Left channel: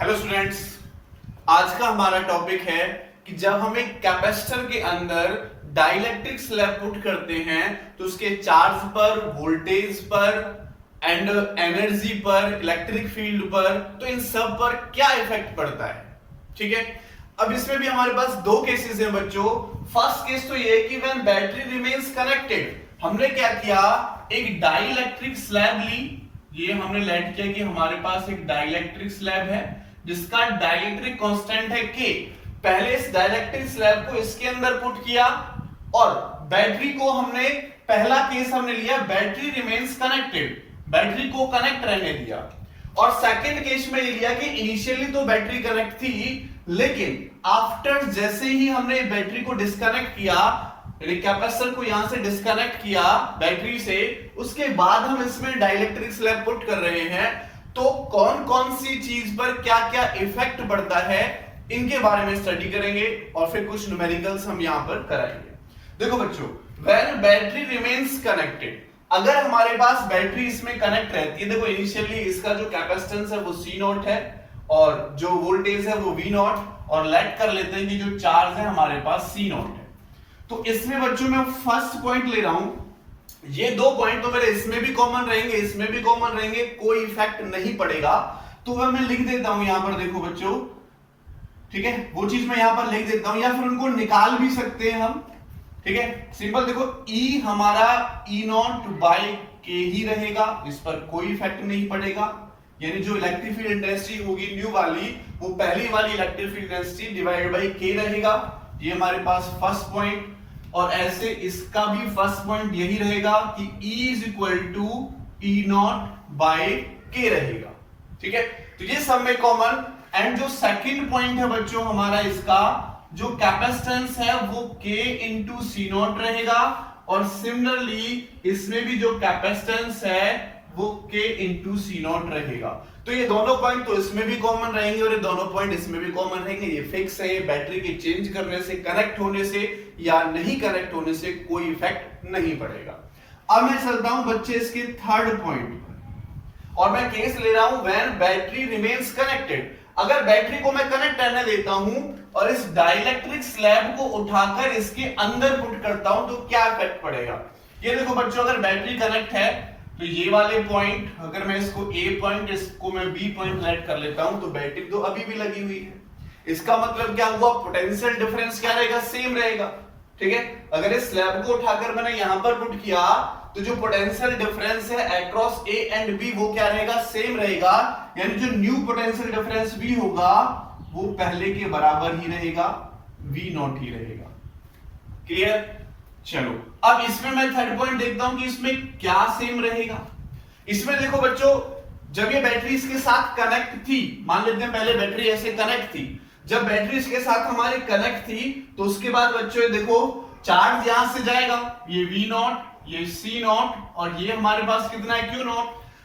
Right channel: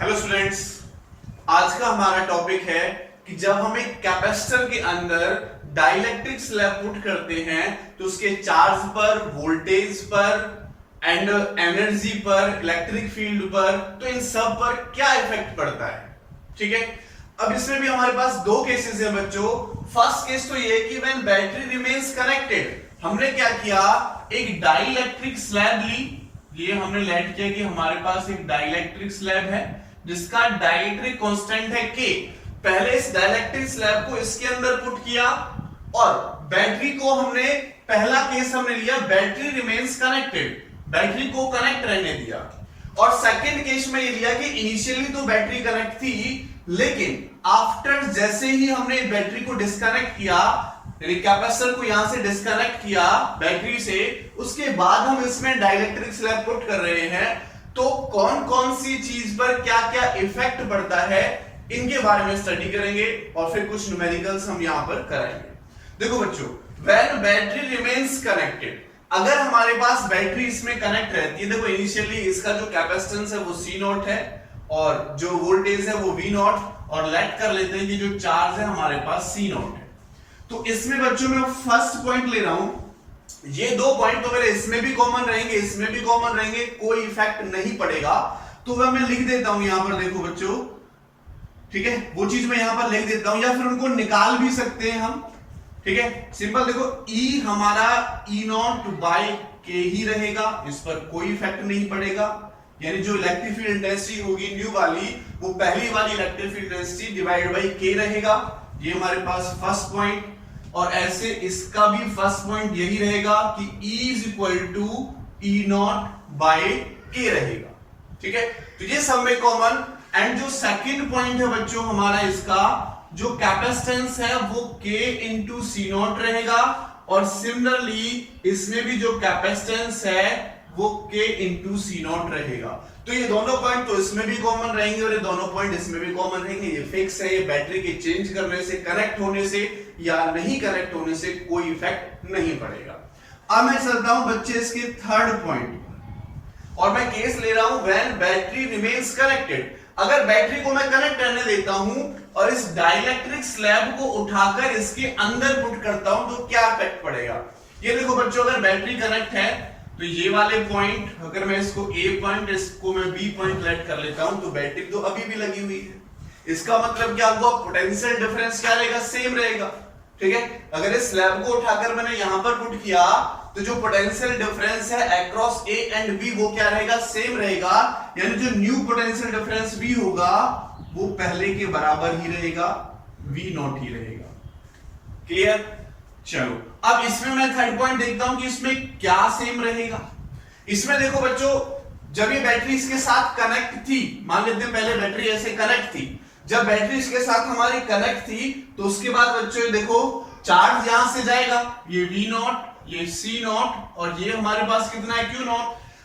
Hello students, आज का हमारा टॉपिक है कि जब हम एक कैपेसिटर के अंदर डाइलेक्ट्रिक स्लैब पुट करते हैं तो उसके चार्ज पर, वोल्टेज पर एंड एनर्जी पर, इलेक्ट्रिक फील्ड पर, तो इन सब पर क्या इफेक्ट पड़ता है। ठीक है, अब इसमें भी हमारे पास दो केसेस हैं बच्चों। फर्स्ट केस तो ये कि व्हेन बैटरी रिमेन्स कनेक्टेड, हमने क्या किया, एक डाइलेक्ट्रिक स्लैब ली। ये हमने लेट किया कि हमारे पास एक डाइलेक्ट्रिक स्लैब है जिसका डाइलेक्ट्रिक कांस्टेंट है K। पहले इस डाइलेक्ट्रिक स्लैब को इसके अंदर पुट किया और बैटरी को हमने, पहला केस हमने लिया बैटरी रिमेन्स कनेक्टेड, बैटरी को कनेक्ट रहने दिया। और सेकंड केस में ये लिया कि इनिशियली तो बैटरी कनेक्ट थी, लेकिन आफ्टर जैसे ही हमने बैटरी को डिस्कनेक्ट किया, कैपेसिटर को यहां से डिस्कनेक्ट किया बैटरी से, उसके बाद हम इसमें डाइलेक्ट्रिक स्लैब पुट कर रहे हैं, तो कौन कौन सी चीज पर क्या क्या इफेक्ट पड़ता है इनके बारे में स्टडी करेंगे और फिर कुछ न्यूमेरिकल्स हम यहां पर कराएंगे। देखो बच्चों, व्हेन बैटरी रिमेन्स कनेक्टेड, अगर हमारे पास बैटरी इसमें कनेक्ट रहती है, देखो इनिशियली इसका जो कैपेसिटेंस है वो C0 है और जो वोल्टेज है वो V0, और लेट कर लेते हैं कि जो चार्ज है हमारे पास C0 है। तो इसमें बच्चों मैं फर्स्ट पॉइंट ले रहा हूं, ये दो पॉइंट तो मेरे इसमें भी कॉमन रहेंगे, इसमें भी कॉमन रहेंगे, कोई इफेक्ट नहीं पड़ेगा। तो वह मैं लिख देता हूं यहां पर, देखो बच्चों, ठीक है, वो चीज मैं यहां पर लिख देता हूं, या फिर उनको निकाल भी सकते हैं हम। ठीक है, सिंपल देखो, E हमारा E0 बाय K ही रहेगा, इस पर कोई इफेक्ट नहीं पड़ेगा। यानी जो इलेक्ट्रिक फील्ड इंटेंसिटी होगी न्यू वाली, वो पहली वाली electric field intensity divided by K रहेगा। ये हमारे पास फर्स्ट पॉइंट, और ऐसे इसका भी फर्स्ट पॉइंट यही रहेगा कि E is equal to E0 by K रहेगा। ठीक है, तो ये सब में कॉमन। एंड जो सेकंड पॉइंट है बच्चों हमारा, इसका जो कैपेसिटेंस है वो K इंटू C0 रहेगा, और सिमिलरली इसमें भी जो कैपेसिटेंस है वो K इंटू C0 रहेगा। तो ये दोनों पॉइंट तो इसमें भी कॉमन रहेंगे और ये दोनों पॉइंट इसमें भी कॉमन रहेंगे। ये फिक्स है, बैटरी के चेंज करने से, कनेक्ट होने से या नहीं कनेक्ट होने से कोई इफेक्ट नहीं पड़ेगा। अब मैं चलता हूं बच्चे इसके थर्ड पॉइंट पर, और मैं केस ले रहा हूं व्हेन बैटरी रिमेन्स कनेक्टेड। अगर बैटरी को मैं कनेक्ट रहने देता हूं और इस डाइलेक्ट्रिक स्लैब को उठाकर इसके अंदर पुट करता हूं, तो क्या इफेक्ट पड़ेगा। ये देखो बच्चों, अगर बैटरी कनेक्ट है तो ये वाले पॉइंट, अगर मैं इसको A पॉइंट, इसको मैं B पॉइंट लेट कर लेता हूं, तो बैटरी तो अभी भी लगी हुई है। इसका मतलब क्या हुआ, पोटेंशियल डिफरेंस क्या रहेगा, सेम रहेगा। ठीक है, अगर इस स्लैब को उठाकर मैंने यहां पर पुट किया, तो जो पोटेंशियल डिफरेंस है अक्रॉस A एंड B वो क्या रहेगा, सेम रहेगा। यानी जो न्यू पोटेंशियल डिफरेंस V होगा वो पहले के बराबर ही रहेगा, V0 ही रहेगा। क्लियर। चलो, अब इसमें मैं थर्ड पॉइंट देखता हूं कि इसमें क्या सेम रहेगा। इसमें देखो बच्चों, जब ये बैटरी इसके साथ कनेक्ट थी, मान लेते हैं पहले बैटरी ऐसे कनेक्ट थी, जब बैटरी इसके साथ हमारी कनेक्ट थी, तो उसके बाद बच्चों देखो चार्ज यहां से जाएगा, ये V0, ये C0, और ये हमारे पास कितना है, Q0।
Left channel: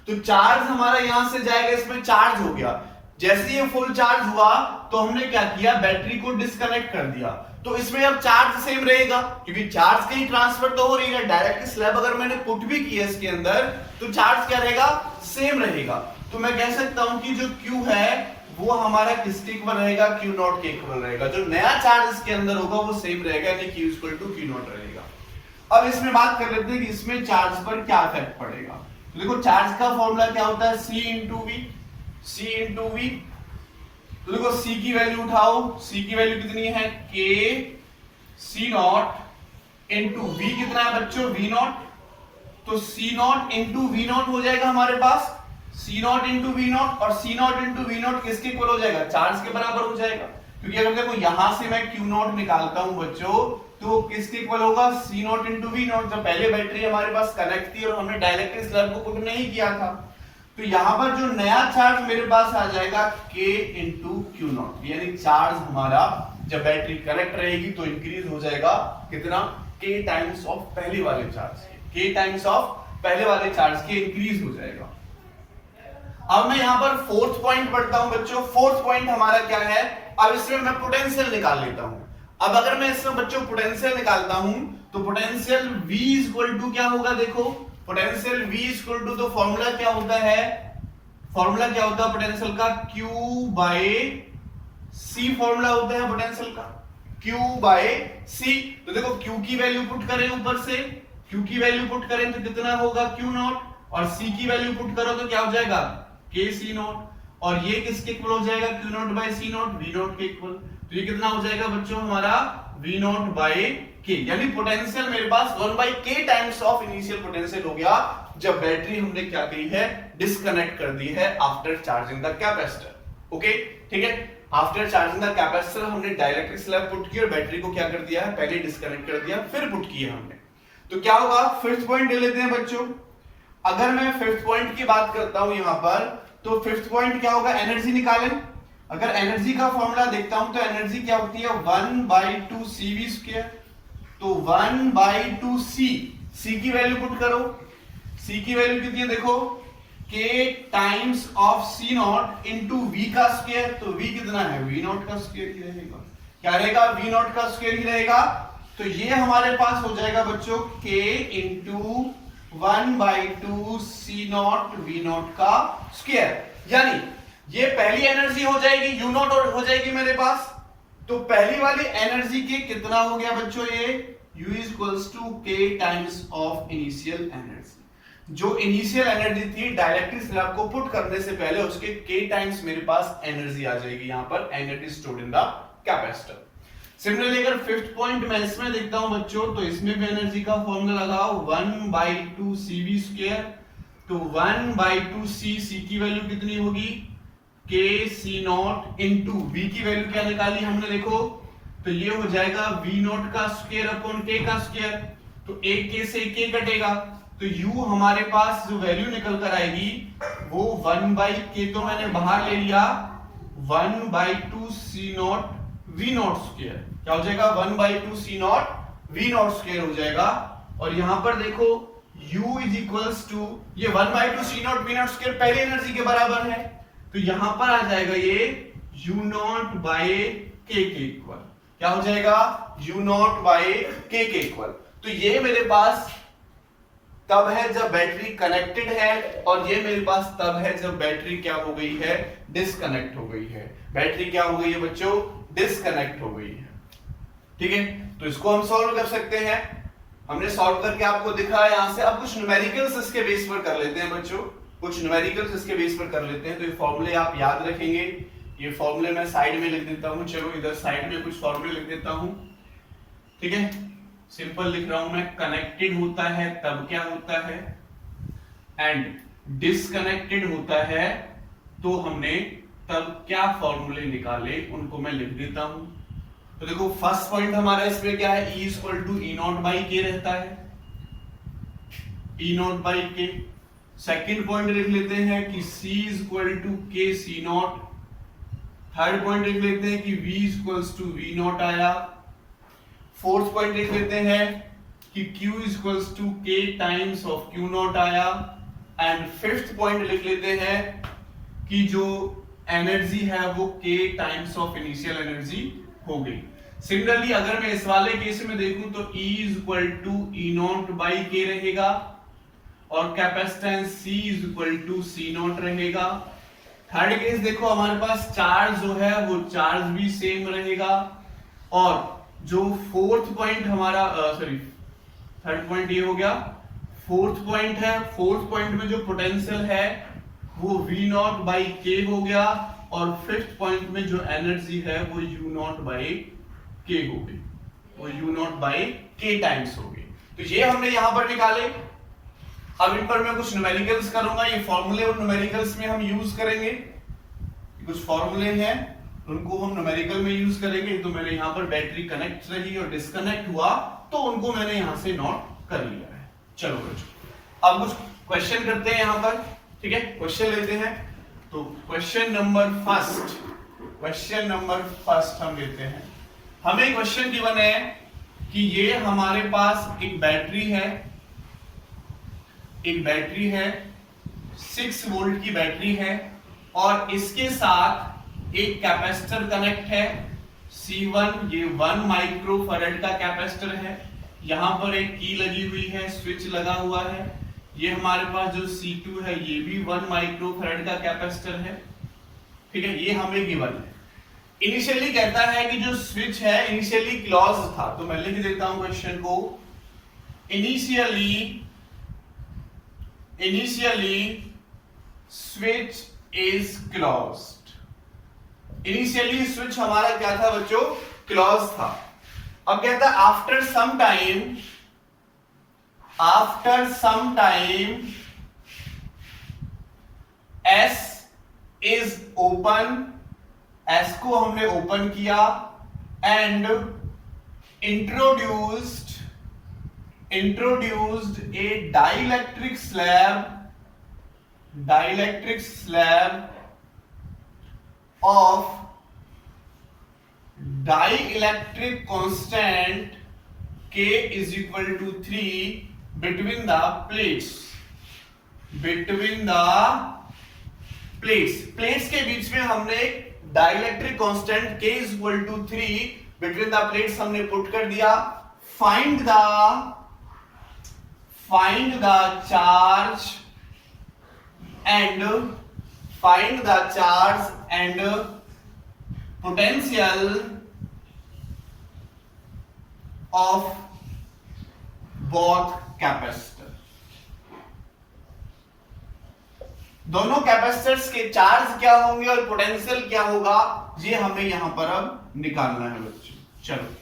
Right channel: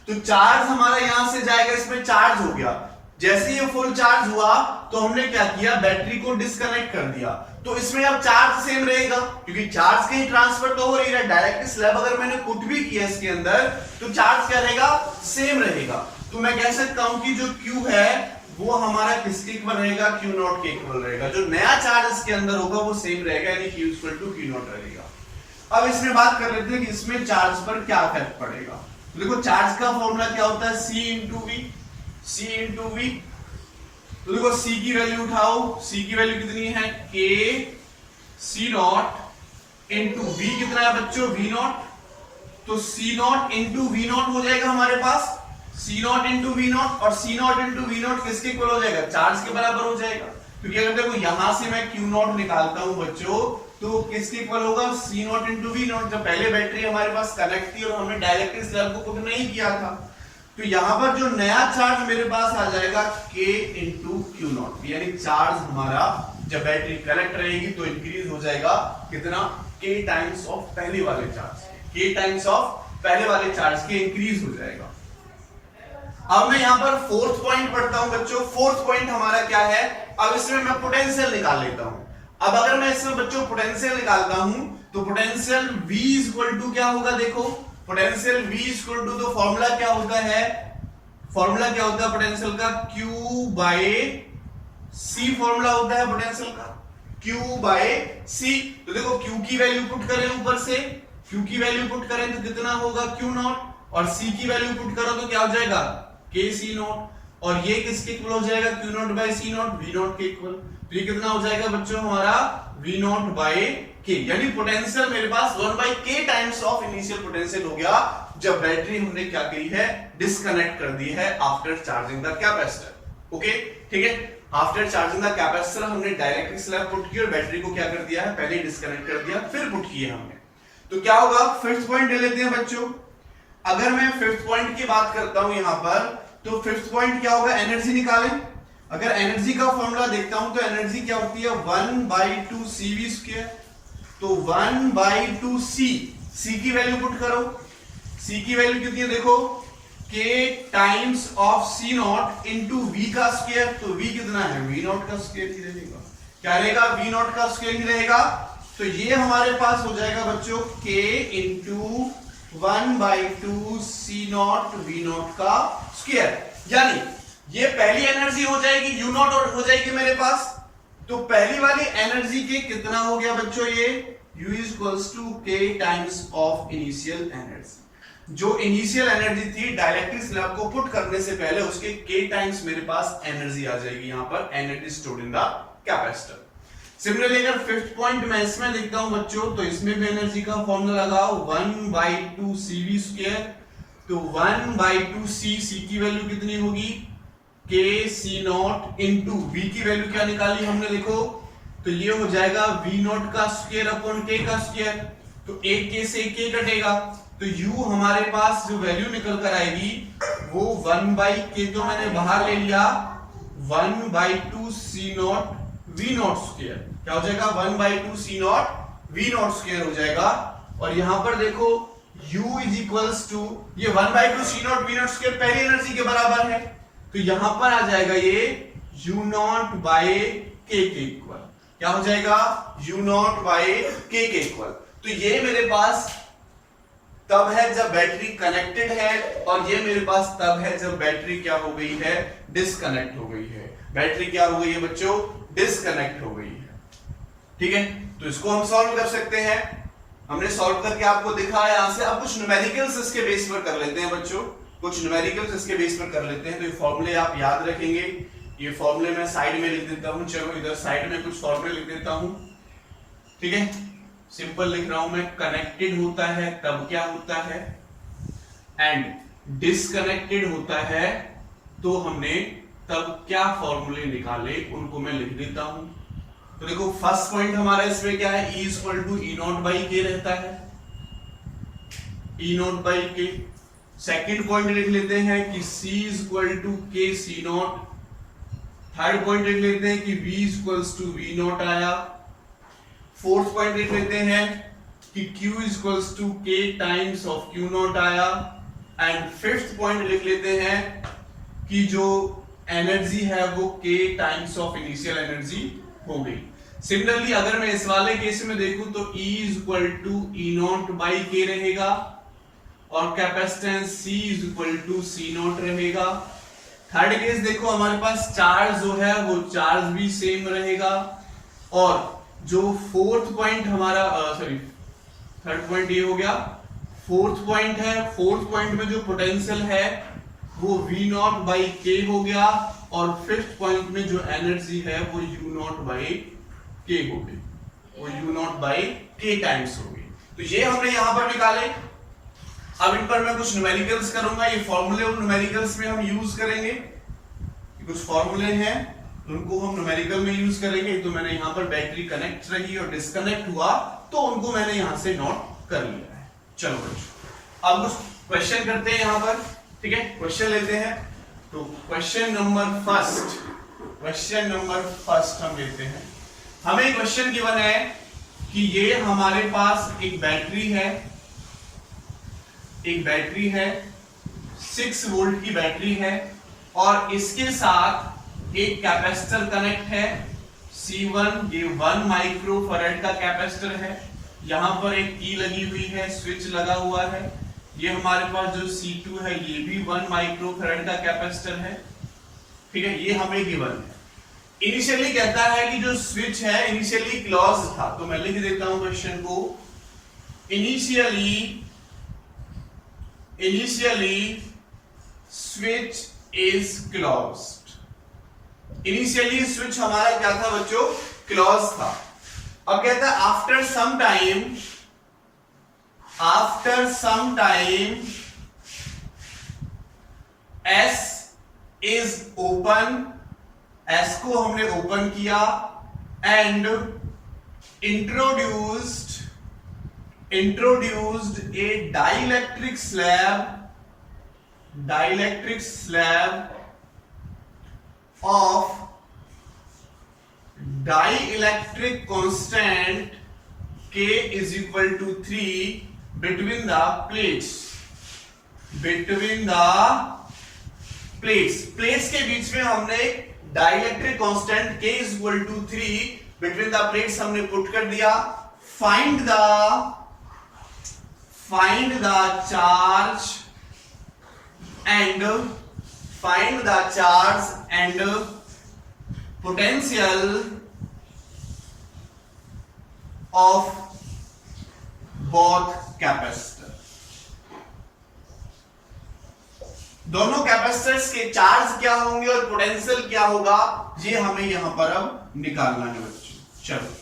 तो चार्ज हमारा यहां से जाएगा, इसमें चार्ज हो गया। जैसे ये फुल चार्ज हुआ तो हमने क्या किया, बैटरी को डिस्कनेक्ट कर दिया। तो इसमें अब चार्ज सेम रहेगा, क्योंकि चार्ज कहीं ट्रांसफर तो हो रही है। डायरेक्ट स्लैब अगर मैंने पुट भी किया इसके अंदर, तो चार्ज क्या रहेगा, सेम रहेगा। तो मैं कह सकता हूं कि जो Q है वो हमारा किसके इक्वल रहेगा, Q0 के इक्वल रहेगा। जो नया चार्ज इसके अंदर होगा वो सेम रहेगा, यानी Q इक्वल टू Q0 रहेगा। अब इसमें बात कर लेते हैं कि इसमें चार्ज पर क्या इफेक्ट पड़ेगा। तो देखो, चार्ज का फॉर्मूला क्या होता है, C into V, C into V। तो देखो C की वैल्यू उठाओ, C की वैल्यू कितनी है, K C0 इंटू V कितना है बच्चों, V0। तो C0 इंटू V0 हो जाएगा हमारे पास, C0 इंटू V0, और C0 इंटू V0 किसके इक्वल हो जाएगा, चार्ज के बराबर हो जाएगा। क्योंकि अगर देखो यहां से मैं Q0 निकालता हूं बच्चों, तो किसके इक्वल होगा, C0 इंटू V0। जब पहले बैटरी हमारे पास कनेक्ट थी और हमने डाइलेक्ट्रिक स्लैब को पुट नहीं किया था, तो यहां पर जो नया चार्ज मेरे पास आ जाएगा K इंटू Q0। यानी चार्ज हमारा जब बैटरी कनेक्ट रहेगी तो इंक्रीज हो जाएगा कितना, K टाइम्स ऑफ पहले वाले चार्ज के, K टाइम्स ऑफ पहले वाले चार्ज के इंक्रीज हो जाएगा। अब मैं यहां पर फोर्थ पॉइंट पढ़ता हूं बच्चों। फोर्थ पॉइंट हमारा क्या है, अब इसमें मैं पोटेंशियल निकाल लेता हूं। अब अगर मैं इसमें बच्चों पोटेंशियल निकालता हूं, तो पोटेंशियल V इक्वल टू क्या होगा, देखो पोटेंशियल V इक्वल टू, तो फॉर्मूला क्या होता है, फॉर्मूला क्या होता है पोटेंशियल का, Q बाय C फॉर्मूला होता है पोटेंशियल का, Q बाय C। तो देखो Q की वैल्यू पुट करें ऊपर से, Q की वैल्यू पुट करें तो कितना होगा Q नॉट, और C की वैल्यू पुट करो तो क्या हो जाएगा K C नॉट, और ये किसके इक्वल हो जाएगा Q not by C not, V not के इक्वल। तो ये कितना हो जाएगा बच्चों हमारा V नॉट बाय K, यानी पोटेंशियल मेरे पास 1 by K times of initial potential हो गया जब बैटरी हमने क्या की है, डिस्कनेक्ट कर दी है after charging the capacitor. Okay ठीक है, आफ्टर चार्जिंग द कैपेसिटर हमने डाइलेक्ट्रिक स्लैब पुट की और बैटरी को क्या कर दिया है, पहले डिस्कनेक्ट कर दिया फिर पुट किया हमने। तो क्या होगा, फिफ्थ पॉइंट ले लेते हैं बच्चों। अगर मैं फिफ्थ पॉइंट की बात करता हूं यहां पर, तो फिफ्थ पॉइंट क्या होगा, एनर्जी निकालें। अगर एनर्जी का फॉर्मूला देखता हूं तो एनर्जी क्या होती है 1/2 CV²। तो 1/2 C की वैल्यू पुट करो, C की वैल्यू कितनी है देखो, K times of C not into V का स्क्वायर। तो V कितना है, V नॉट का स्क्वायर ही रहेगा, क्या रहेगा, V नॉट का स्क्वायर ही रहेगा। तो ये हमारे पास हो जाएगा बच्चों K into 1/2 C not V not का स्क्वायर, यानी ये पहली एनर्जी हो जाएगी, U नॉट हो जाएगी मेरे पास। तो पहली वाली एनर्जी के कितना हो गया बच्चों, ये U equals to K times of initial energy. जो इनिशियल एनर्जी थी डाइलेक्ट्रिक स्लैब को पुट करने से पहले, उसके K टाइम्स मेरे पास एनर्जी आ जाएगी यहाँ पर, energy stored in the capacitor. Similarly अगर फिफ्थ पॉइंट मैं इसमें देखता हूं बच्चों, तो इसमें भी एनर्जी का फॉर्मूला लगाओ 1/2 CV²। तो 1/2 C की वैल्यू कितनी होगी, K C not into V की वैल्यू क्या निकाली हमने देखो, तो ये हो जाएगा V नॉट का स्क्वायर अपॉन K का स्क्वायर। तो एक K से K कटेगा, तो U हमारे पास जो वैल्यू निकल कर आएगी वो 1/K तो मैंने बाहर ले लिया, 1/2 C not V not square, क्या हो जाएगा 1/2 C not V not square हो जाएगा। और यहां पर देखो U इज इक्वल्स टू, ये 1/2 C not V not square पहली एनर्जी के बराबर है, तो यहां पर आ जाएगा ये U नॉट बाय K के इक्वल, क्या हो जाएगा U नॉट बाय K के इक्वल। तो ये मेरे पास तब है जब बैटरी कनेक्टेड है, और ये मेरे पास तब है जब बैटरी क्या हो गई है, डिस्कनेक्ट हो गई है। बैटरी क्या हो गई है बच्चों, डिस्कनेक्ट हो गई है। ठीक है, तो इसको हम सॉल्व कर सकते हैं, हमने सॉल्व करके आपको दिखाया यहां से। अब कुछ न्यूमेरिकल्स इसके बेस पर कर लेते हैं बच्चों, कुछ न्यूमेरिकल्स इसके बेस पर कर लेते हैं। तो ये फॉर्मूले आप याद रखेंगे, ये फॉर्मूले मैं साइड में लिख देता हूं, चलो इधर साइड में कुछ फॉर्मूले लिख देता हूं। ठीक है, सिंपल लिख रहा हूं मैं, कनेक्टेड होता है तब क्या होता है, एंड डिस्कनेक्टेड होता है तो हमने तब क्या फॉर्मूले निकाले, उनको मैं लिख देता हूं। तो देखो फर्स्ट पॉइंट हमारा इसमें क्या है, E equal to E not by K रहता है, E not by K। Second point लिख लेते हैं कि C equal to K C not. Third point लिख लेते हैं कि V equals to V not आया। फोर्थ पॉइंट लिख लेते हैं कि Q equals to K times of Q not आया। एंड फिफ्थ पॉइंट लिख लेते हैं कि जो एनर्जी है वो K times of initial energy हो गई। सिमिलरली अगर मैं इस वाले केस में देखूं तो E equal to E not by K रहेगा, और capacitance C equal to C not रहेगा। थर्ड केस देखो हमारे पास चार्ज जो है वो चार्ज भी सेम रहेगा, और जो फोर्थ पॉइंट हमारा थर्ड पॉइंट ये हो गया, फोर्थ पॉइंट है, फोर्थ पॉइंट में जो पोटेंशियल है वो V नॉट बाई K हो गया, और फिफ्थ पॉइंट में जो एनर्जी है वो U नॉट बाई K हो गई, वो U not by K times हो गई। तो ये हमने यहां पर निकाले। अब इन पर मैं कुछ न्यूमेरिकल्स करूंगा, ये फॉर्मूले और न्यूमेरिकल्स में हम यूज करेंगे, कुछ फॉर्मूले हैं उनको हम न्यूमेरिकल में यूज करेंगे। तो मैंने यहां पर बैटरी कनेक्ट रही और डिस्कनेक्ट हुआ तो उनको मैंने यहां से नोट कर लिया है। चलो बच्चों अब कुछ क्वेश्चन करते हैं यहां पर, ठीक है, क्वेश्चन लेते हैं। तो क्वेश्चन नंबर फर्स्ट हम लेते हैं। हमें क्वेश्चन गिवन है कि ये हमारे पास एक बैटरी है, 6 वोल्ट की बैटरी है, और इसके साथ एक कैपेसिटर कनेक्ट है C1, ये 1 माइक्रो फैराड का कैपेसिटर है। यहां पर एक की लगी हुई है, स्विच लगा हुआ है, ये हमारे पास जो C2 है ये भी 1 माइक्रोफैराड का कैपेसिटर है, ठीक है, ये हमें गिवन है। इनिशियली कहता है कि जो स्विच है इनिशियली क्लोज था, तो मैं लिख देता हूं क्वेश्चन को, initially switch is closed. Initially switch हमारा क्या था बच्चों, क्लोज था। अब कहता है after some time S is open, S को हमने ओपन किया and introduced a dielectric slab of dielectric constant K is equal to 3 between the plates के बीच में हमने dielectric constant K is equal to 3 between the plates हमने put कर दिया। Find the charge and potential of both capacitor. दोनों capacitors के charge क्या होंगे और पोटेंशियल क्या होगा, ये हमें यहां पर अब निकालना है बच्चों। चलो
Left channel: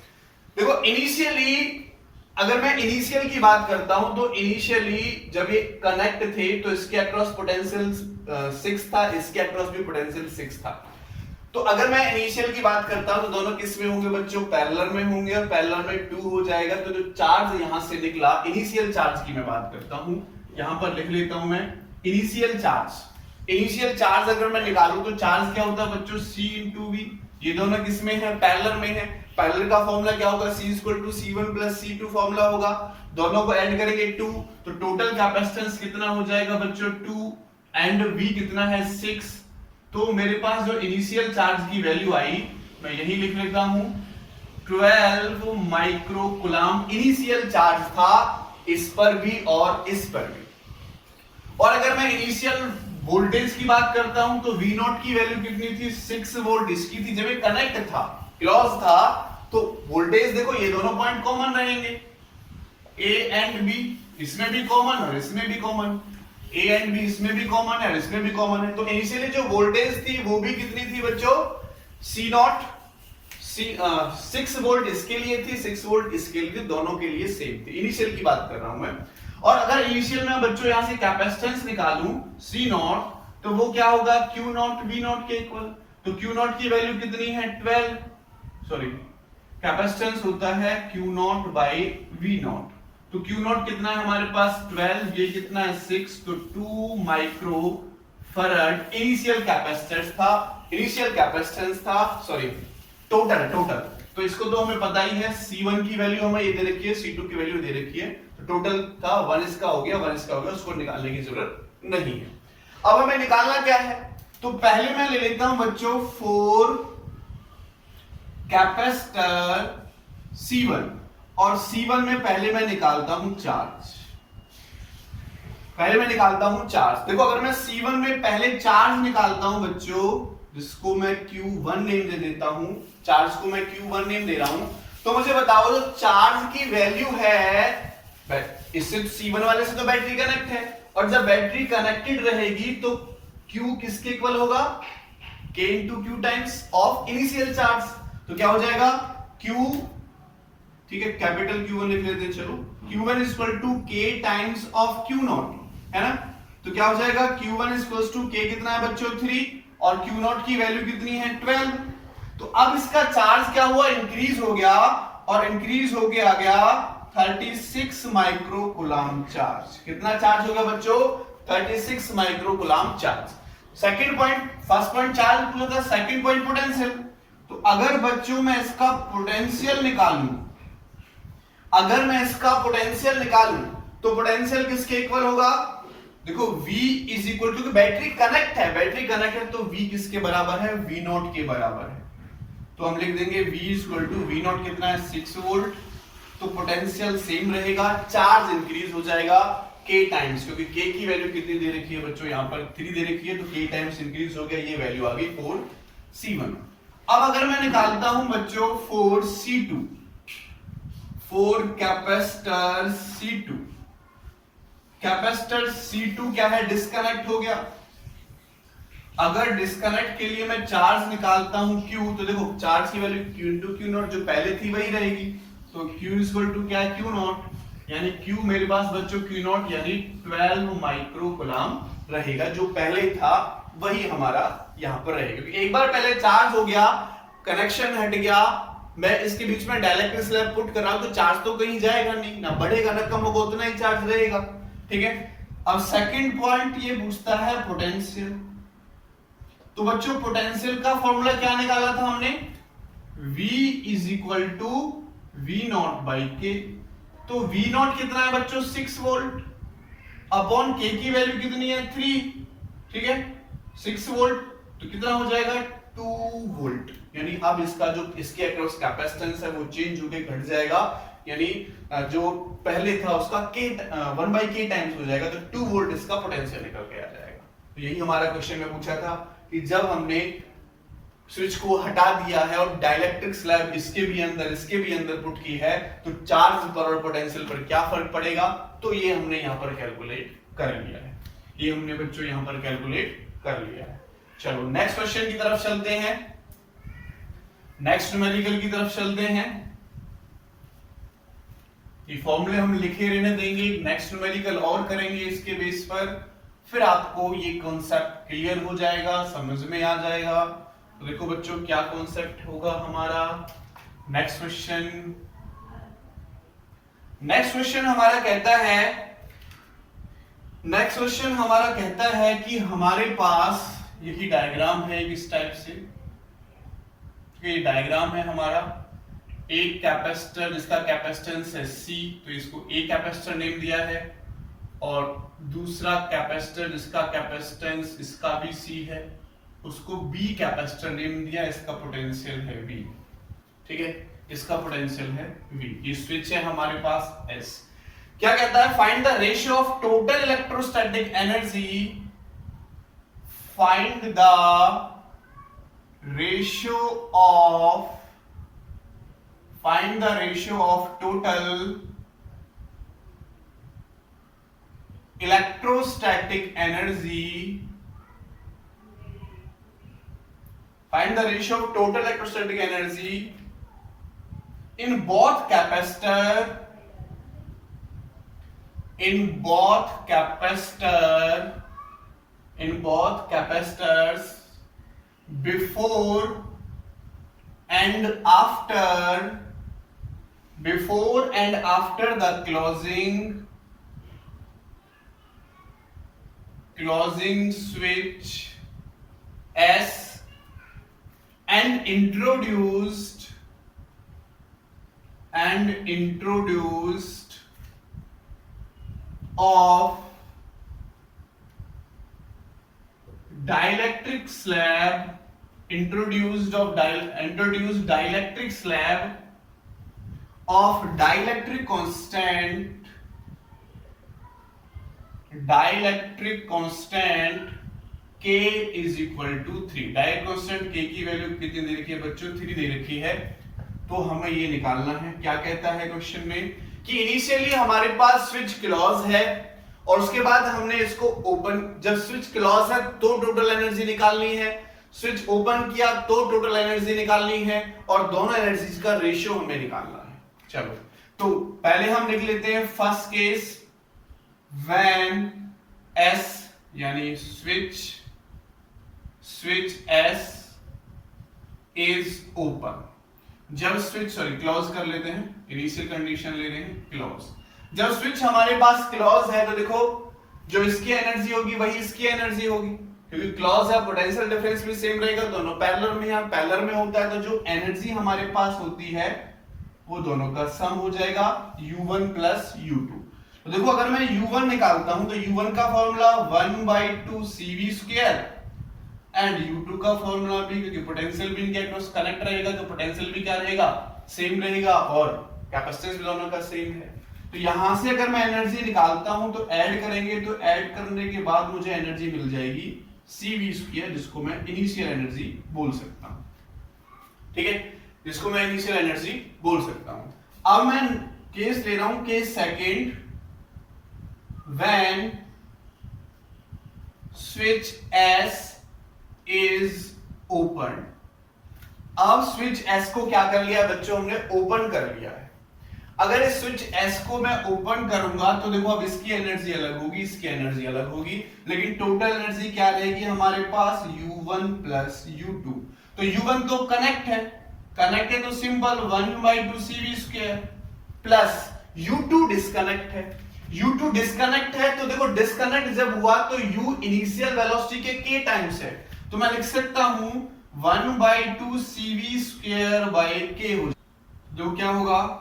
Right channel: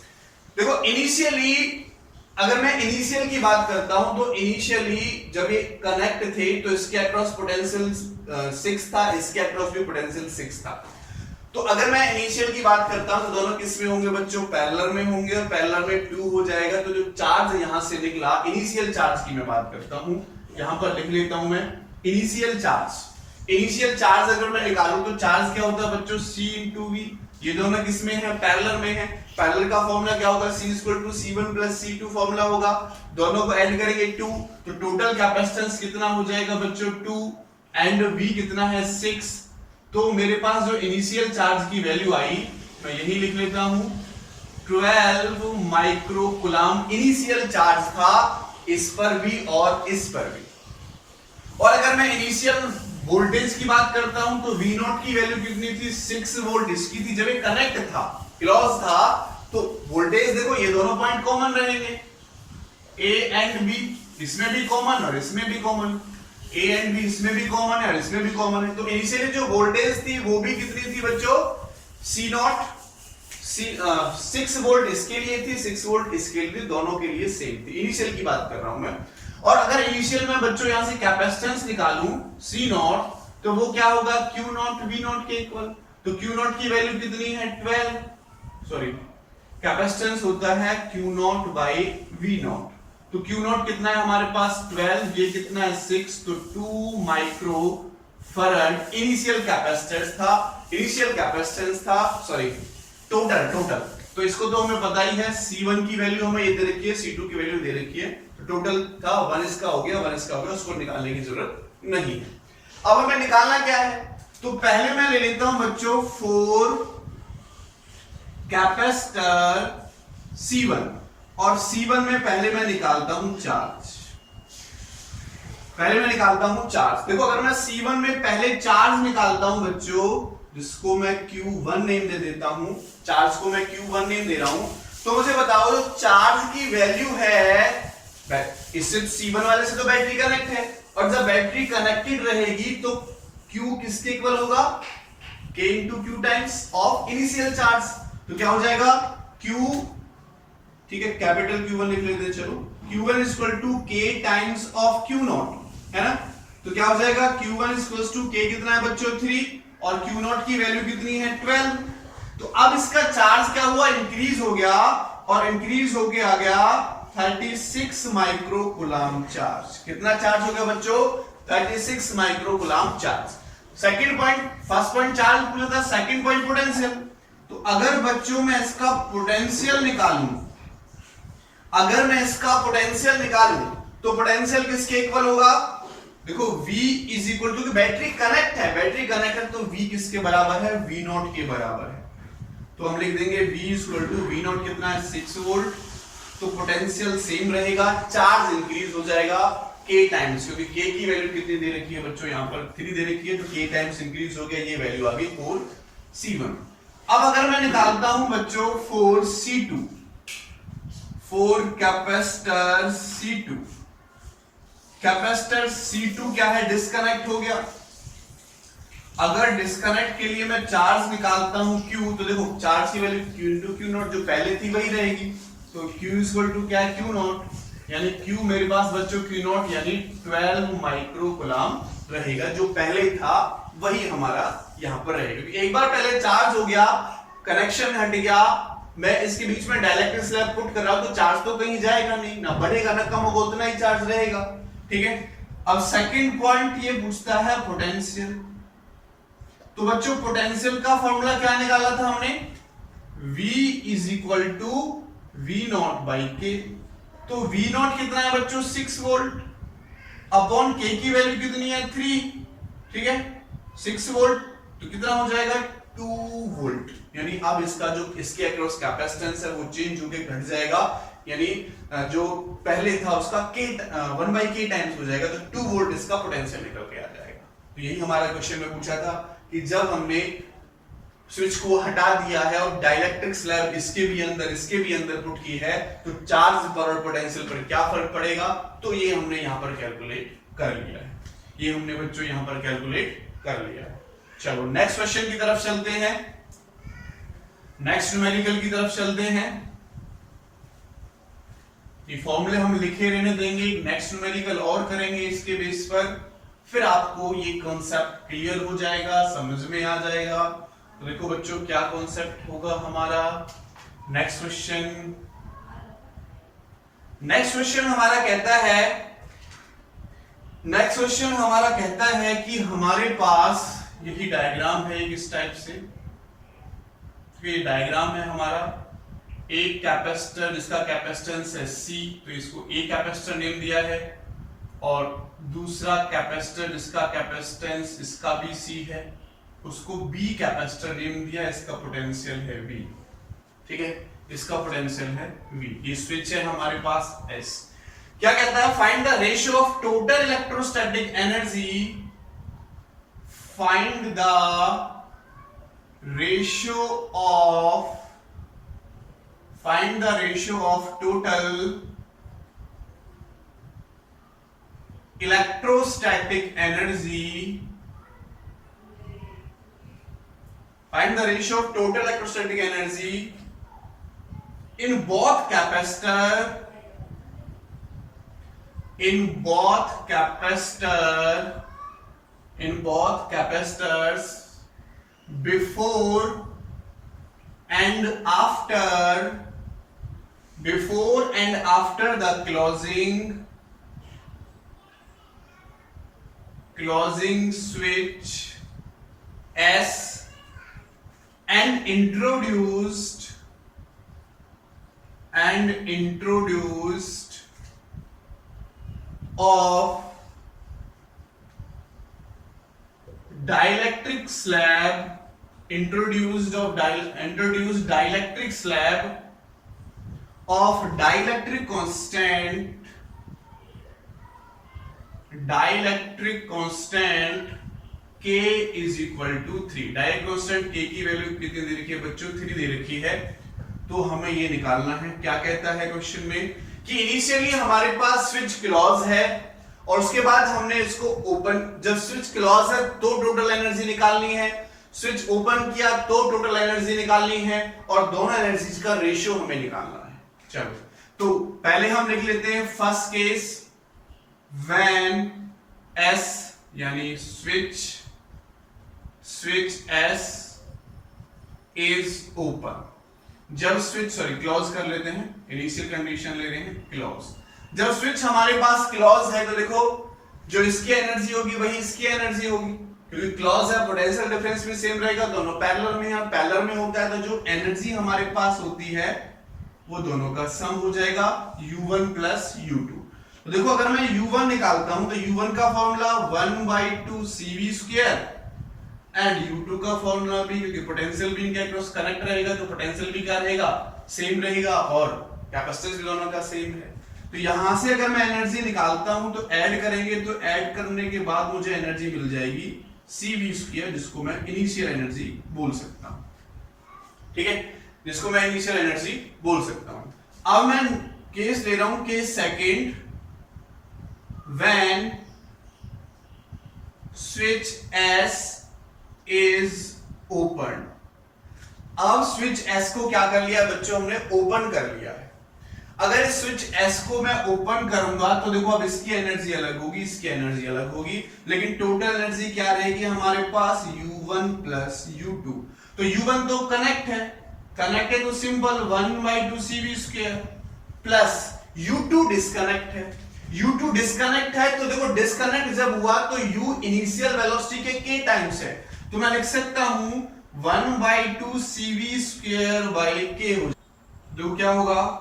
देखो, इनिशियली अगर मैं इनिशियल की बात करता हूं तो इनिशियली जब ये कनेक्ट थे तो इसके अक्रॉस पोटेंशियल 6 था, इसके अक्रॉस भी पोटेंशियल 6 था। तो अगर मैं इनिशियल की बात करता हूं तो दोनों किस में होंगे बच्चों, पैरेलल में होंगे, और पैरेलल में 2 हो जाएगा। तो जो चार्ज यहां से निकला, इनिशियल चार्ज की मैं बात करता हूं, यहां पर लिख लेता हूं मैं इनिशियल चार्ज अगर मैं निकालूं तो चार्ज क्या होता है बच्चों, C × V। ये दोनों किस में है, पैरेलल में है। पैरेलल का फॉर्मूला क्या होगा, C = C1 + C2 फॉर्मूला होगा। दोनों को ऐड करेंगे 2, तो टोटल कैपेसिटेंस कितना हो जाएगा बच्चों 2, एंड V कितना है 6। तो मेरे पास जो इनिशियल चार्ज की वैल्यू आई, मैं यही लिख लेता हूं 12 माइक्रोकूलम इनिशियल चार्ज था, इस पर भी और इस पर भी। और अगर मैं इनिशियल वोल्टेज की बात करता हूं तो V0 की वैल्यू कितनी थी, 6 वोल्ट इसकी थी। जब ये कनेक्ट था, क्लोज था, तो वोल्टेज देखो ये दोनों पॉइंट कॉमन रहेंगे, A एंड B, इसमें भी कॉमन और इसमें भी कॉमन, A एंड B इसमें भी कॉमन है और इसमें भी कॉमन है। तो इनिशियली जो वोल्टेज थी वो भी कितनी थी बच्चों, C0, 6 वोल्ट इसके लिए थी, 6 वोल्ट इसके लिए थी, दोनों के लिए सेम थी। इनिशियल की बात कर रहा हूं मैं। और अगर इनिशियल में बच्चों यहां से कैपेसिटेंस निकालूं C0, तो वो क्या होगा, Q0 V0 के इक्वल। तो Q0 की वैल्यू कितनी है 12, सॉरी कैपेसिटेंस होता है Q0 बाई V0। तो Q0 कितना है हमारे पास 12, ये कितना है 6, तो 2 माइक्रोफैराड इनिशियल कैपेसिटेंस था, सॉरी टोटल। तो इसको तो हमें पता ही है, C1 की वैल्यू हमें ये दे रखी है, C2 की वैल्यू दे रखी है, तो टोटल था 1 इसका हो गया, 1 इसका हो गया, उसको निकालने की जरूरत नहीं है। अब हमें निकालना क्या है, तो पहले मैं ले लेता हूं बच्चों 4 कैपेसिटर C1, और C1 में पहले मैं निकालता हूं चार्ज। देखो अगर मैं C1 में पहले चार्ज निकालता हूं बच्चों, जिसको मैं Q1 नेम दे देता हूं, चार्ज को मैं Q1 नेम दे रहा हूं, तो मुझे बताओ जो चार्ज की वैल्यू है, इससे C1 वाले से तो बैटरी कनेक्ट है, और जब बैटरी कनेक्टेड रहेगी तो Q किसके इक्वल होगा, K × Q times of initial charge. तो क्या हो जाएगा Q, ठीक है, कैपिटल Q1 लिख लेते हैं, चलो Q1 = K times of Q0, है ना। तो क्या हो जाएगा Q1 = K कितना है बच्चों 3, और Q0 की वैल्यू कितनी है 12। तो अब इसका चार्ज क्या हुआ, इंक्रीज हो गया, और इंक्रीज होके आ गया 36 माइक्रोकूलम चार्ज। कितना चार्ज हो गया बच्चों, 36 microcoulomb charge. Second point, first point charge पूछा था, सेकंड पॉइंट पोटेंशियल। तो अगर बच्चों मैं इसका पोटेंशियल निकालूं, तो पोटेंशियल किसके इक्वल होगा, देखो V = क्योंकि बैटरी कनेक्ट है, तो V किसके बराबर है, V0 के बराबर है। तो हम लिख देंगे V = V0 कितना है 6 वोल्ट। तो पोटेंशियल सेम रहेगा, चार्ज इंक्रीज हो जाएगा, k टाइम्स, क्योंकि k की वैल्यू कितनी दे रखी है बच्चों, यहाँ पर 3 दे रखी है, तो k टाइम्स इंक्रीज हो गया, ये वैल्यू आ गई 4c1। अब अगर मैं निकालता हूं बच्चों 4c2, 4 capacitor c2, capacitor c2 क्या है, डिस्कनेक्ट हो गया। अगर डिस्कनेक्ट के लिए मैं चार्ज निकालता हूं q, तो देखो चार्ज की value q into Q not जो पहले थी वही रहेगी, तो q इक्वल टू क्या है, q नॉट, यानी q मेरे पास बच्चों q नॉट यानी 12 माइक्रो कूलम रहेगा, जो पहले था वही हमारा यहां पर रहेगा, क्योंकि एक बार पहले चार्ज हो गया, कनेक्शन हट गया, मैं इसके बीच में डाइलेक्ट्रिक स्लैब पुट कर रहा हूं, तो चार्ज तो कहीं जाएगा नहीं, ना बढ़ेगा ना कम होगा, उतना ही चार्ज रहेगा। ठीक है, अब सेकंड पॉइंट ये पूछता है पोटेंशियल। तो बच्चों पोटेंशियल का फॉर्मूला क्या निकाला था हमने, V is equal to V not by K. तो V नॉट कितना है बच्चों, 6 वोल्ट अपॉन K की वैल्यू कितनी है, 3। ठीक है, 6 वोल्ट तो कितना हो जाएगा, 2 वोल्ट, यानी अब इसका जो इसके अक्रॉस कैपेसिटेंस है वो चेंज होकर घट जाएगा, यानी जो पहले था उसका K 1/K टाइम्स हो जाएगा, तो 2 वोल्ट इसका पोटेंशियल निकल के आ जाएगा। तो यही हमारा क्वेश्चन में पूछा था कि जब हमने स्विच को हटा दिया है और डाइलेक्ट्रिक स्लैब इसके भी अंदर पुट की है, तो चार्ज पर और पोटेंशियल पर क्या फर्क पड़ेगा, तो ये हमने यहां पर कैलकुलेट कर लिया है, ये हमने बच्चों यहां पर कैलकुलेट कर लिया है। चलो नेक्स्ट क्वेश्चन की तरफ चलते हैं, नेक्स्ट न्यूमेरिकल की तरफ चलते हैं। ये फॉर्मूले हम लिखे रहने देंगे, नेक्स्ट न्यूमेरिकल और करेंगे इसके बेस पर, फिर आपको ये कॉन्सेप्ट क्लियर हो जाएगा, समझ में आ जाएगा। तो देखो बच्चों क्या कॉन्सेप्ट होगा हमारा। नेक्स्ट क्वेश्चन हमारा कहता है कि हमारे पास यही डायग्राम है इस टाइप से, ये डायग्राम है हमारा, एक कैपेसिटर जिसका कैपेसिटेंस है C, तो इसको A कैपेसिटर नेम दिया है, और दूसरा कैपेसिटर जिसका कैपेसिटेंस इसका भी C है, उसको B कैपेसिटर नेम दिया, इसका पोटेंशियल है V। ठीक है, इसका पोटेंशियल है V। ये स्विच है हमारे पास S। क्या कहता है, find the ratio of total electrostatic energy, find the ratio of total electrostatic energy, find the ratio of total electrostatic energy in both capacitors before and after the closing switch S and introduced of dielectric slab, introduced dielectric slab of dielectric constant K is equal to 3। Direct constant K की value कितनी दे रखी है बच्चों, 3 दे रखी है। तो हमें ये निकालना है, क्या कहता है क्वेश्चन में कि इनिशियली हमारे पास स्विच क्लोज है और उसके बाद हमने इसको ओपन, जब स्विच क्लोज है तो टोटल एनर्जी निकालनी है, स्विच ओपन किया तो टोटल एनर्जी निकालनी है, और दोनों एनर्जीज का रेशियो हमें निकालना है। चलो तो पहले हम लिख लेते हैं फर्स्ट केस, व्हेन S यानी स्विच S इज ओपन, जब स्विच क्लोज कर लेते हैं, इनिशियल कंडीशन ले रहे हैं क्लोज। जब स्विच हमारे पास क्लोज है तो देखो जो इसकी एनर्जी होगी वही इसकी एनर्जी होगी, क्योंकि क्लोज है, पोटेंशियल डिफरेंस भी सेम रहेगा, दोनों पैरेलल में, यहां पैरेलल में होता है तो जो एनर्जी हमारे पास होती है वो दोनों का सम हो जाएगा U1 प्लस U2। तो देखो अगर मैं U1 निकालता हूं तो U1 का फॉर्मूला 1/2CV² एंड U2 का फॉर्मूला भी, क्योंकि पोटेंशियल भी इनके अक्रॉस कनेक्ट रहेगा तो पोटेंशियल भी क्या रहेगा, सेम रहेगा, और कैपेसिटेंस भी दोनों का सेम है। तो यहां से अगर मैं एनर्जी निकालता हूं तो ऐड करेंगे, तो ऐड करने के बाद मुझे एनर्जी मिल जाएगी CV², जिसको मैं इनिशियल एनर्जी बोल सकता हूं। ठीक है, जिसको मैं इनिशियल एनर्जी बोल सकता हूं। अब मैं केस ले रहा हूं, case second, when switch S is open. अब स्विच S को क्या कर लिया बच्चों, हमने ओपन कर लिया है। अगर इस स्विच S को मैं ओपन करूंगा तो देखो अब इसकी एनर्जी अलग होगी, इसकी एनर्जी अलग होगी, लेकिन टोटल एनर्जी क्या रहेगी हमारे पास, U1 प्लस U2। तो U1 तो कनेक्ट है तो simple 1/2 CV² plus U2 disconnect है। U2 डिस्कनेक्ट है तो देखो डिस्कनेक्ट जब हुआ तो U इनिशियल वेलोसिटी के k टाइम्स है, तो मैं लिख सकता हूं 1/2 CV²/k हो, जो क्या होगा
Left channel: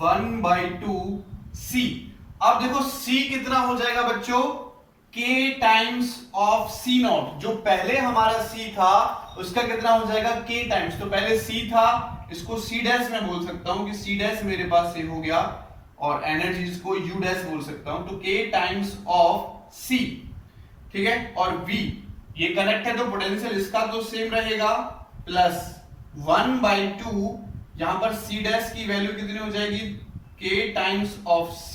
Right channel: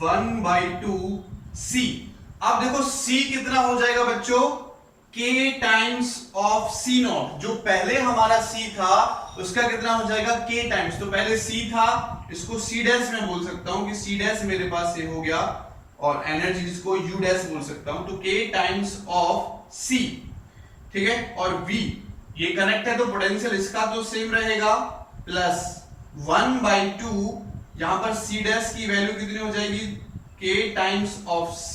1/2 C। अब देखो C कितना हो जाएगा बच्चों, K टाइम्स ऑफ C0। जो पहले हमारा C था उसका कितना हो जाएगा, K टाइम्स। तो पहले C था, इसको C डैश में बोल सकता हूं कि C डैश मेरे पास ये हो गया, और एनर्जी इसको U डैश बोल सकता हूं, तो K टाइम्स ऑफ C। ठीक है, और V ये कनेक्ट है तो पोटेंशियल इसका तो सेम रहेगा, प्लस 1/2, यहां पर C डैश की वैल्यू कितनी हो जाएगी, K times of C,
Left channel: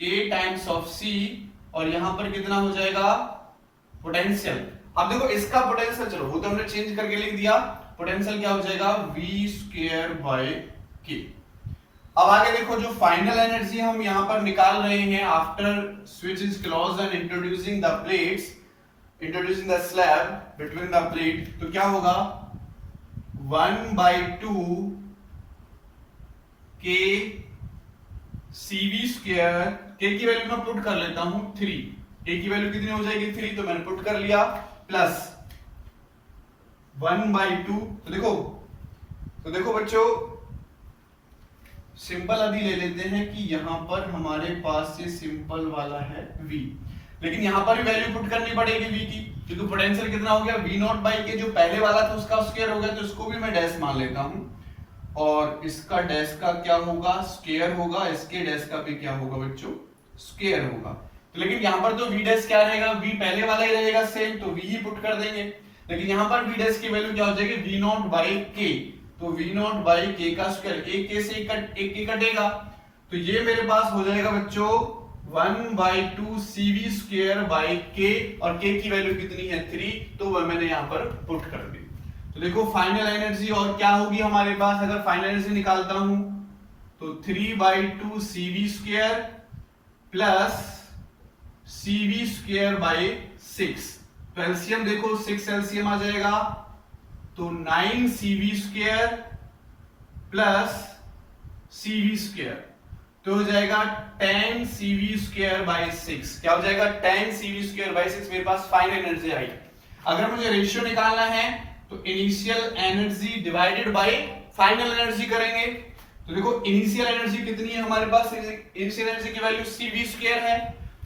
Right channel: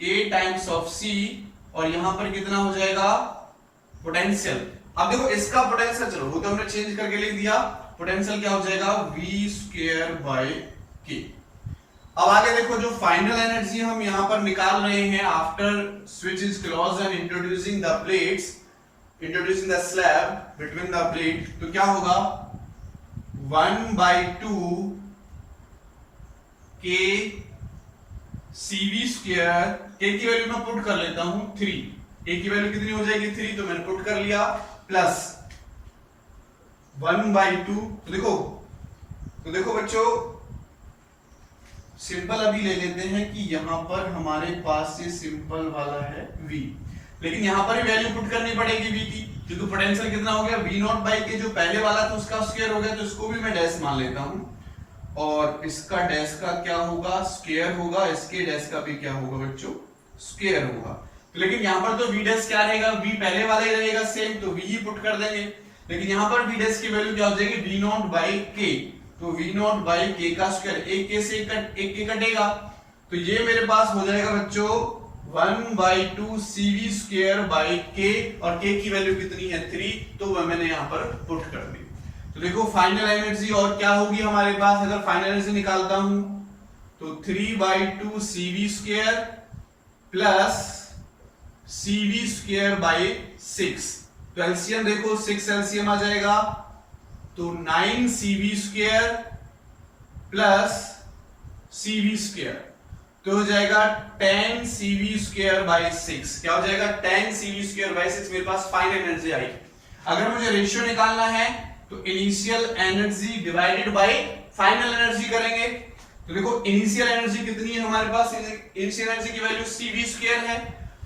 K times of C, और यहां पर कितना हो जाएगा पोटेंशियल। अब देखो इसका पोटेंशियल, चलो वो तो हमने चेंज करके लिख दिया, पोटेंशियल क्या हो जाएगा V²/K। अब आगे देखो जो फाइनल एनर्जी हम यहां पर निकाल रहे हैं after switch is close and introducing the plates, introducing the slab between the plate, तो क्या होगा 1/2 K CV², K की वैल्यू मैं पुट कर लेता हूं 3, K की वैल्यू कितनी हो जाएगी 3, तो मैंने पुट कर लिया, प्लस 1/2। तो देखो बच्चों सिंपल अभी ले लेते हैं कि यहां पर हमारे पास ये सिंपल वाला है V, लेकिन यहां पर भी वैल्यू पुट करनी पड़ेगी V की, क्योंकि पोटेंशियल कितना हो गया V0/K, जो पहले वाला था उसका स्क्वायर हो गया, तो इसको भी मैं डैश मान लेता हूं, और इसका डैश का क्या होगा, स्क्वायर होगा, इसके डैश का भी क्या होगा बच्चों, स्क्वायर होगा। तो लेकिन यहां पर तो V डैश क्या रहेगा, V पहले वाला ही रहेगा सेम, तो V ही पुट कर देंगे, लेकिन यहां पर V डैश की वैल्यू क्या हो जाएगी V0/K, तो V0/K का स्क्वायर, एक K से एक K कटेगा, तो ये मेरे पास हो जाएगा बच्चों 1/2 CV²/K, और K की वैल्यू कितनी है 3, तो वह मैंने यहां पर पुट कर दी। तो देखो फाइनल एनर्जी और क्या होगी हमारे पास, अगर फाइनल एनर्जी निकालता हूं तो 3/2 CV² प्लस CV²/6, तो एलसीएम देखो 6 एलसीएम आ जाएगा, तो 9 CV² प्लस CV², तो हो जाएगा 10 CV²/6। क्या हो जाएगा 10 CV²/6, मेरे पास फाइनल एनर्जी आई। अगर मुझे रेशियो निकालना है तो initial energy divided by final energy करेंगे। तो देखो इनिशियल एनर्जी कितनी है हमारे पास, इनिशियल एनर्जी की वैल्यू CV² है,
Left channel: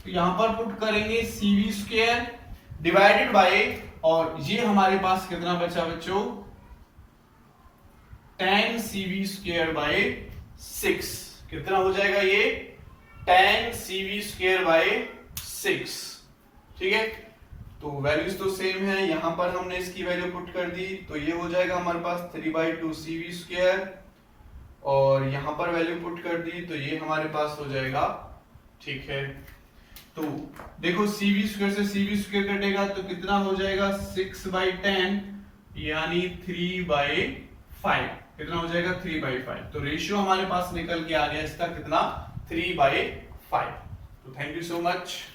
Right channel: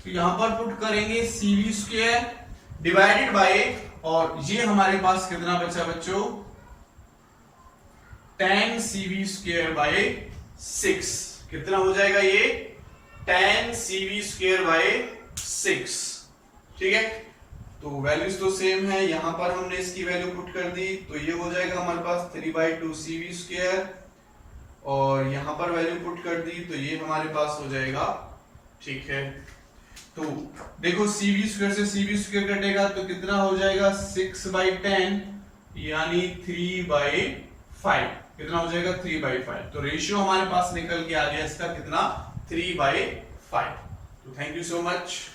तो यहां पर पुट करेंगे CV² डिवाइडेड बाय, और ये हमारे पास कितना बचा बच्चों 10 CV²/6, कितना हो जाएगा ये 10 CV²/6। ठीक है, तो वैल्यूज तो सेम है, यहां पर हमने इसकी वैल्यू पुट कर दी, तो ये हो जाएगा हमारे पास 3/2 CV², और यहां पर वैल्यू पुट कर दी, तो ये हमारे पास हो जाएगा। ठीक है, तो देखो CV² से CV² कटेगा तो कितना हो जाएगा 6/10, यानी 3/5, कितना हो जाएगा 3/5। तो रेशियो हमारे पास निकल के आ गया इसका कितना 3/5। तो थैंक यू सो मच।